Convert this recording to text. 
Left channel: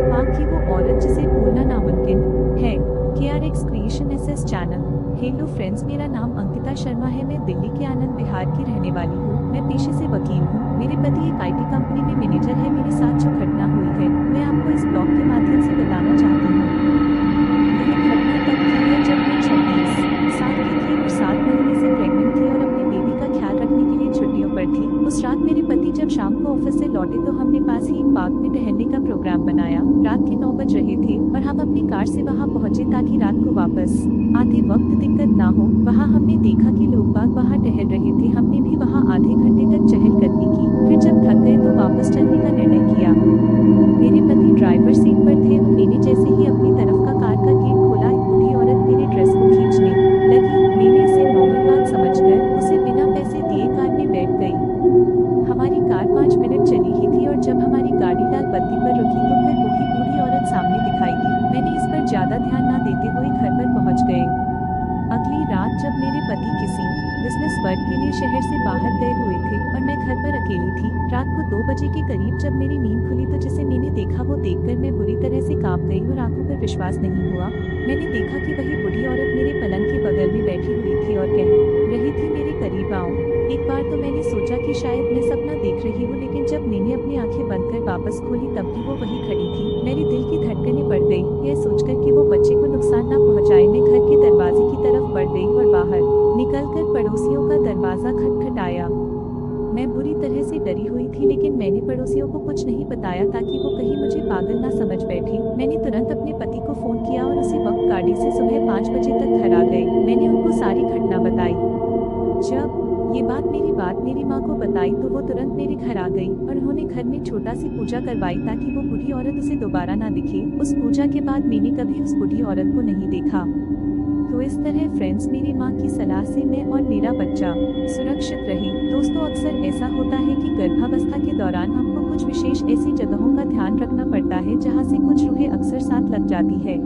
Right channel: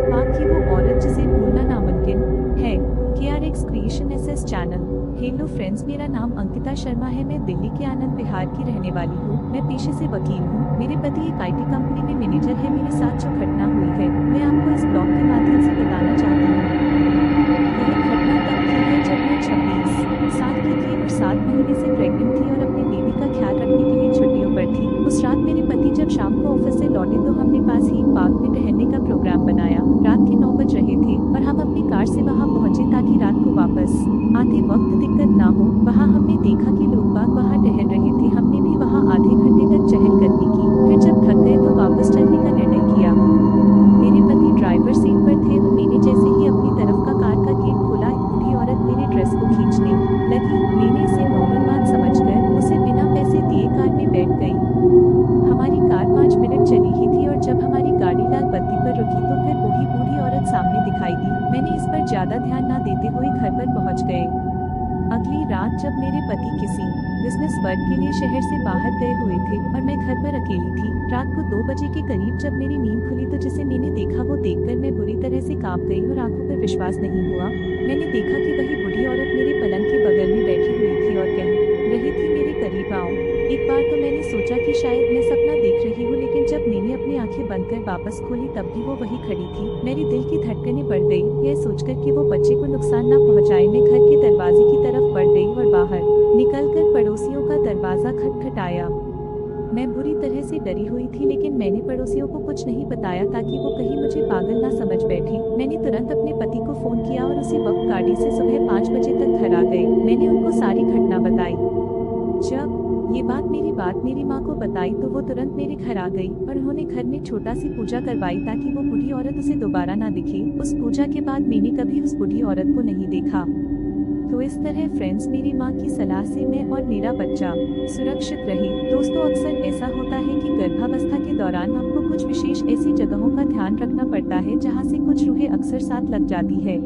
हाँ कि वो औरत जिसे भूलना नामुमकिन है। KRX creation SS channel. Hello friends, मेरा नाम अंकिता शर्मा है। मैं दिल्ली के आनंद विहार की रहने वाली हूँ। मैं पेशे से वकील हूँ। मेरे पति एक IT कंपनी में मैनेजर है। मेरे साथ जो घटना हुई है मैं आपको इस ब्लॉग के माध्यम से बताना चाहती हूँ। यह घटना तब की है जब मैं 26 साल की थी और 7 महीने से प्रेग्नेंट थी और अपने बेबी का ख्याल रखने के लिए छुट्टियों पर थी। उस रात मेरे पति जब शाम को ऑफिस से लौटे तो हमने पास ही एक पार्क में टहलने का प्रोग्राम बनाया। रात के 9 बज रहे थे और हम अपनी कार से वहां पहुंचे ताकि रात को वापस आते वक्त दिक्कत ना हो। वहां हमने देखा कि लोग बाग वहां टहल रहे थे। हमने भी वहां आधे घंटे तक चहलकदमी की। फिर जब थक गए तो वापस चलने का निर्णय किया। मेरे पति ड्राइवर सीट पर थे और मैंने जैसे ही अपनी तरफ का कार का गेट खोला, एक बूढ़ी औरत मेरे ड्रेस को खींचने लगी। मैंने इसे नॉर्मल बात समझकर उसे बिना पैसे दिए कार में बैठ गई। हमारी कार 5 मिनट चली ही थी और जब हमारी गाड़ी लाल बत्ती पर रुकी तो फिर वही बूढ़ी औरत सामने दिखाई दी। मैंने इस पर ज्यादा ध्यान न देते हुए घर पर पहुंच गए। अगली रात जब मेरे पति किसी बिजनेस वर्क के लिए शहर से बाहर गए हुए थे और मैं घर पर अकेली थी, रात को 2 बजे के करीब जब मेरी नींद खुली तो जिसे मैंने देखा वो देखकर मैं बुरी तरह से कांप गई और आंखों पर विश्वास नहीं हुआ। मैंने देखा कि वही बूढ़ी औरत मेरे पलंग के बगल में बैठी हुई थी और कह रही थी, मेरे करीब आओ। एक बार तो मैंने सोचा कि शायद मैं सपना देख रही हूँ, लेकिन जब मैंने अपनी आंखें बंद कर वापस खोली तब भी वो वही खड़ी थी। मेरे दिल की धड़कनें बढ़ गई, यह सोचकर कि वो बच्चे को नुकसान न पहुँचाए। मैं घर के दरवाजे की तरफ बढ़ गई और बाहर निकलकर पड़ोसियों का दरवाजा खटखटाया। मैं बुरी तरह से डरी हुई थी, लेकिन मैंने पड़ोसियों को कुछ नहीं बताया ताकि वो कहीं मुझे पागल ना समझ बैठे। मैंने तुरंत अपने पति को फोन किया और उसी वक्त गाड़ी से सुबह 5 बजे तक घर आ गए। मैंने उनको सारी घटना बताई। जब ये बात मेरी माँ को बताई तो वो तुरंत मेरे घर आ गई और उन्होंने घर में छोटा सी पूजा करवाई ताकि वो बूढ़ी औरत उसे दोबारा ना दिखे। उस पूजा के बाद मैंने कभी उस बूढ़ी औरत को नहीं देखा। तो इस तरह फ्रेंड्स, मेरी माँ की सलाह से मैं और मेरा बच्चा सुरक्षित रहे। दोस्तों, अक्सर ऐसा होता है कि गर्भावस्था के दौरान आपको कुछ विशेष ऐसी जगहों का ध्यान रखना पड़ता है जहाँ से कुछ रूहें अक्सर साथ लग जाती है।